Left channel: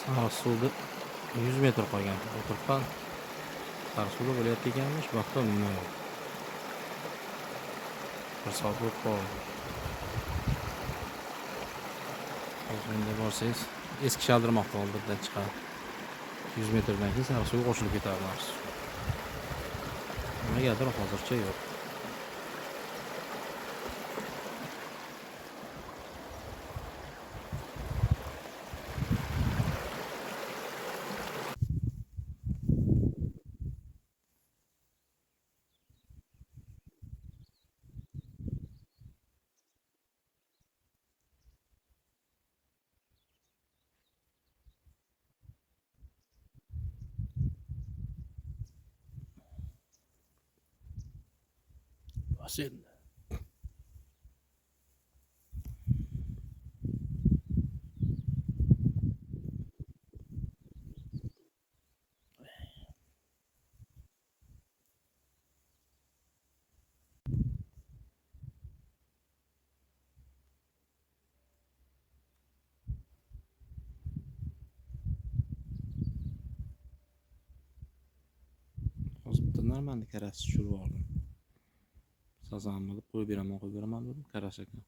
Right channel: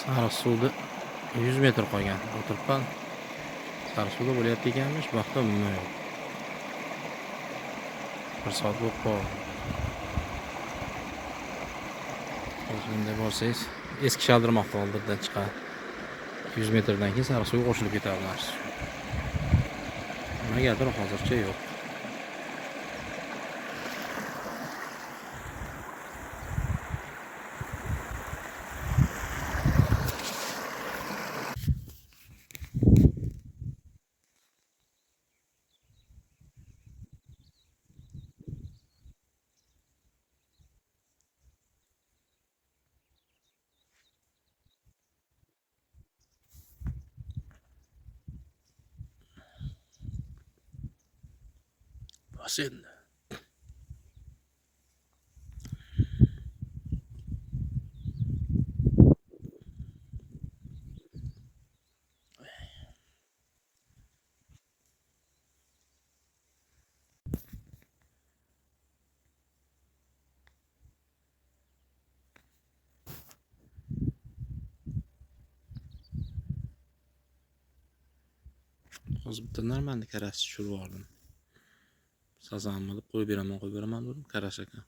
Sariqsuvda 100 metr qolgan. O'tiribman. Sariqsuvda bo'layapti ekanmish, vaqtim umuman yo'q. 1 soat bo'lib qoldi. Hozir bunda borsangiz, eski Shaldirmoqda oldirdan chiqadi. 100 metrdan keyin Sariqsuvga qo'shilib ketadi. Nimagadir hozircha yo'q. Sen hozir bitta normalniy karasi tushirib oldim. Sazanmi deb qo'yib beraman dedim, karas ekan.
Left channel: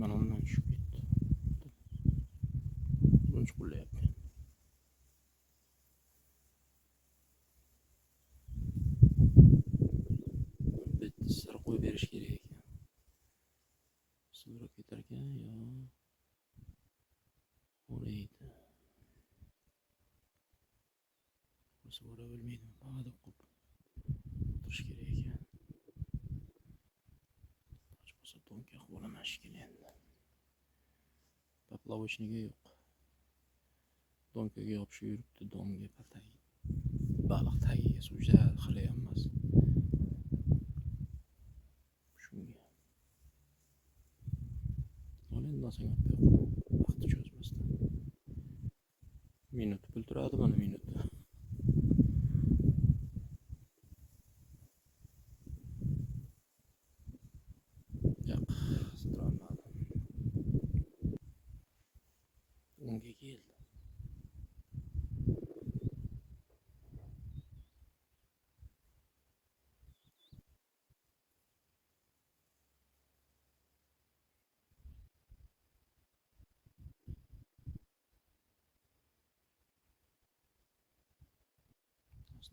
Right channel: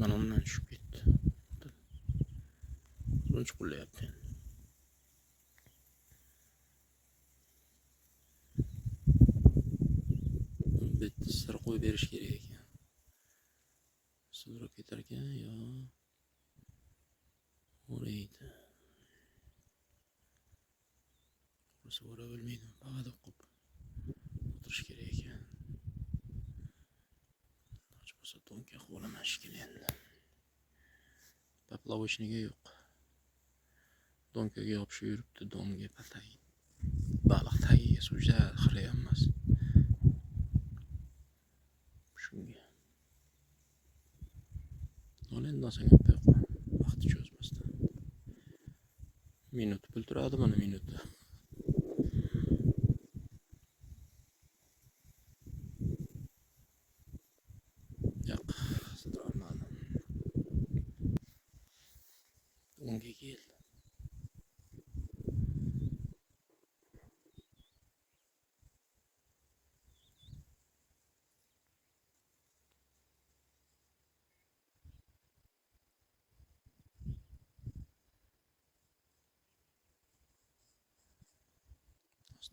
Mana undan tushib ketdi. Buncha qo'llayapti. Bitta qo'yib berish kerak ekan. Sudrab ketar ekan yo. O'raydi. O'zi o'ra bilmaydi. Bag'ada qo'yib o'tirish kerak ekan. Hech bo'lsa to'nka qo'laman shekilli endi. Poplavochniga yo'q. Donkaga yopishib yuribdi, donga patay. Baliq tagiga sujda xira emas. Shunga. Olendan so'ng olib qo'y. Vaqti cho'zmasdan. Minut pul turadi mana minut. Yo'q, sidralmadim. Unga keldi.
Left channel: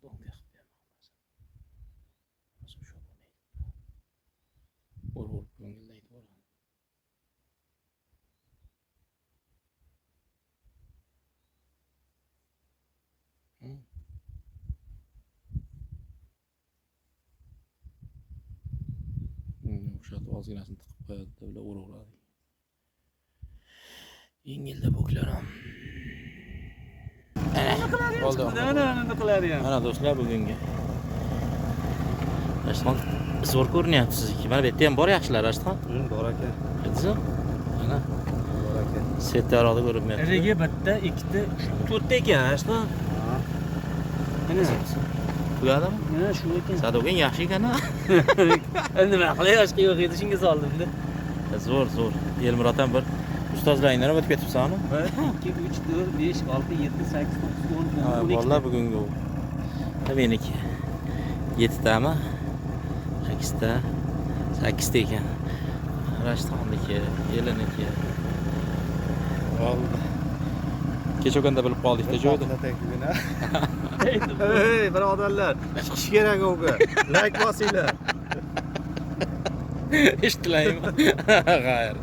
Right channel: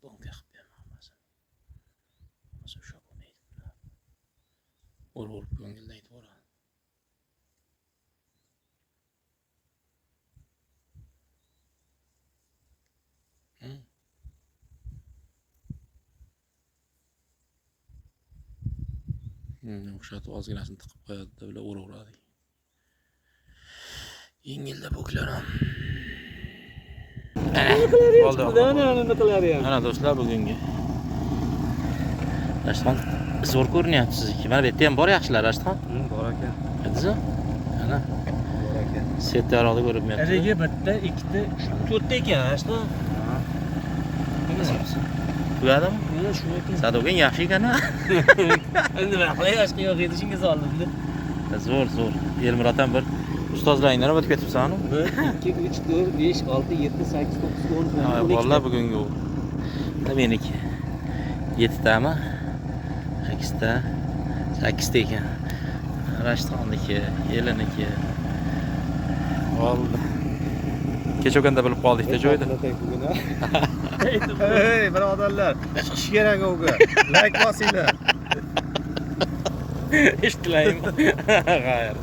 Donka qilib bermoqmasin. O'zi o'sha bo'lmaydi. O'rib ko'ngillaydi boradi. O'shatib ozginasini tiqib qo'yadi-da, ular o'raveradi. Yengilda bo'klarim. Nima qiladi ham? Mana do'stlar bugungi. Rashton zo'r ko'rinyapti sizniki. Mana bu yerda ham bor yaxshilar Rashton. Bor ekan. Qizim. Mana Bor ekan. setlarida ko'rinmayapti. Ariga bitta, ikkita, to'rtta ekan Rashton. Tugadimi? Mana shu ekan. Sadogan yaxshi ekan-a. Endi nima qilay, boshqa yo'q edi, shunga soldim-da. Zo'r. Elmurod ham bir ustozlaringdan o'tib ketibsan-ku. 1 2 3 4 5 6 7 8 9 10 Ha, vallahi bugungi u. Meniki 7 tami? 8 ta. 8 ta ekan. Rashtonniki, Eliniki. Oldi. Kecha o'ganda bilib qoldik-da joyda. Hey, birodarlar, chiqish kerak o'ga. Like bosinglar. Eshitilaymi? Xayr.